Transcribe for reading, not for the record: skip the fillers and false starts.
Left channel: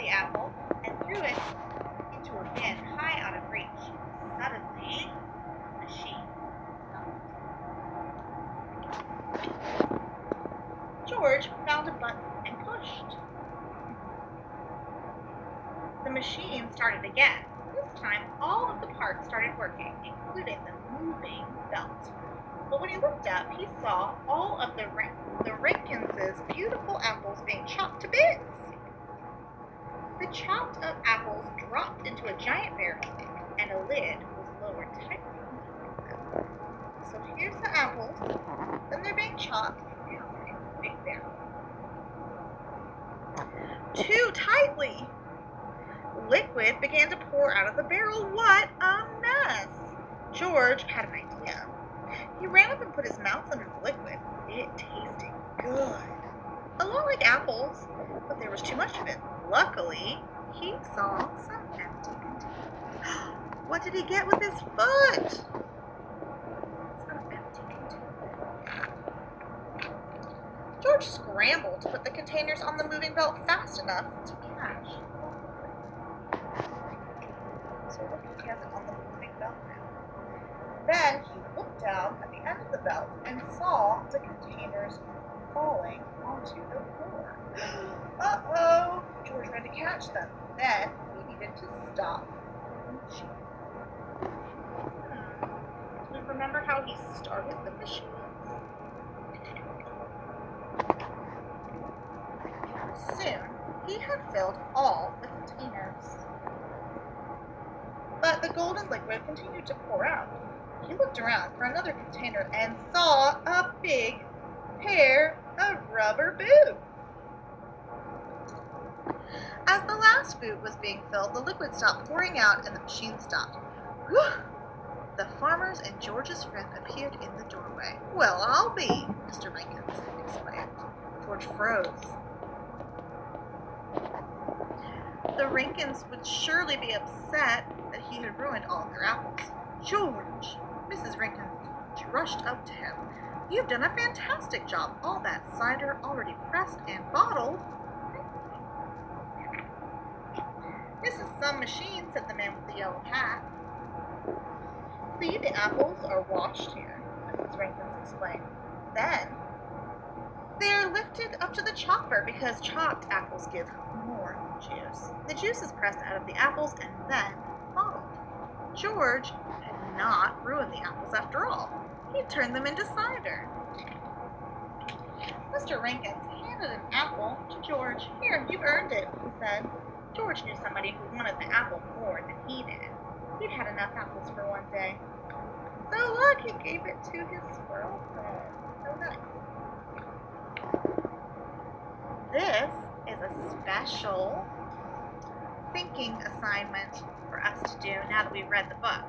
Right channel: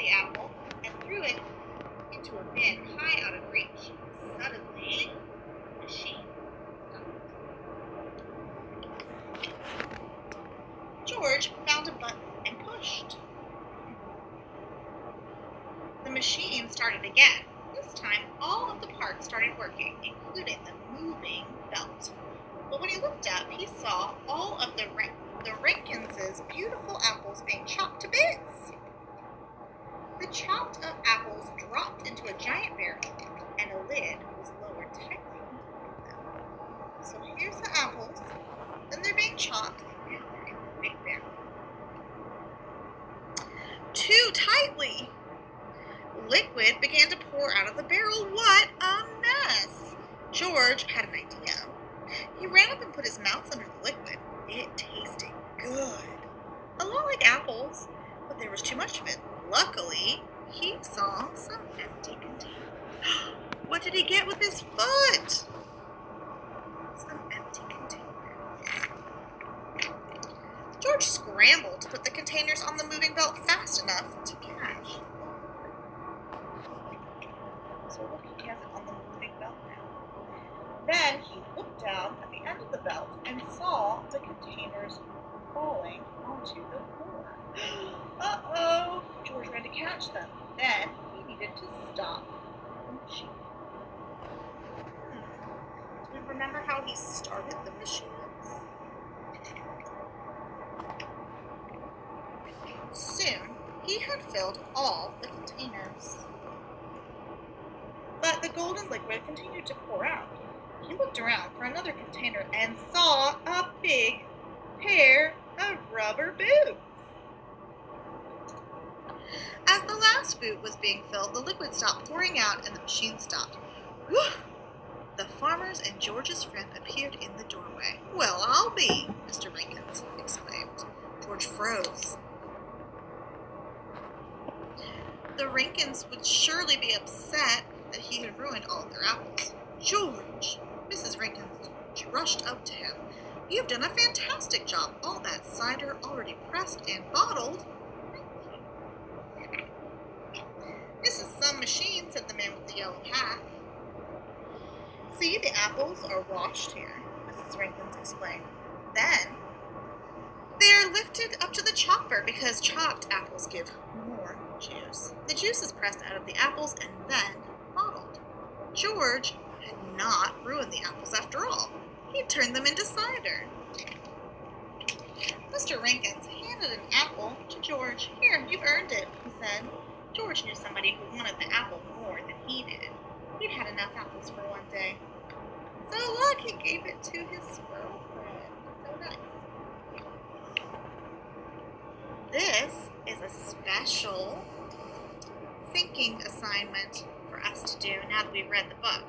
the apple and threw it into a bin high out of reach. Suddenly, the machine stopped. George found a button and pushed. The machine started again. This time, all of the parts started working, including the moving belt. But when he looked up, he saw all of the Rankins' beautiful apples being chopped to bits. The chopped up apples dropped into a giant barrel, and a lid was lowered tightly on them. So here's the apples, then they're being chopped, and now they're in the big barrel. Too tightly! Liquid began to pour out of the barrel. What a mess! George had an idea. He ran up and put his mouth under the liquid. It tasted good. A lot like apples, but there was too much of it. Luckily, he saw some empty containers. What did he get with his foot? Some empty containers. George scrambled to put the containers on the moving belt fast enough to catch. So look, he has it on the moving belt now. Then he looked down at the end of the belt and saw the containers falling onto the floor. Uh-oh! George ran to catch them. Then he needed to stop the machine. Do we remember how he started the machines? Soon, he had filled all the containers. But the golden liquid continued to pour out. He looked around for another container and saw a big pair of rubber boots. As the last boot was being filled, the liquid stopped pouring out and the machine stopped. Whew! The farmers and George's friend appeared in the doorway. "Well, I'll be," Mr. Rankins exclaimed. George froze. The Rankins would surely be upset that he had ruined all their apples. "George!" Mrs. Rankins rushed up to him. "You've done a fantastic job. All that cider already pressed and bottled." "This is some machine," said the man with the yellow hat. "See, the apples are washed here," Mrs. Rankins explained. Then they're lifted up to the chopper because chopped apples give more juice. The juice is pressed out of the apples and then bottled. George had not ruined the apples after all. He turned them into cider. Mr. Rankins handed an apple to George. "Here, you've earned it," he said. George knew somebody who wanted the apple more than he did. He'd had enough apples for one day. So look, he gave it to his squirrel friend. So nice. This is a special thinking assignment for us to do now that we've read the book.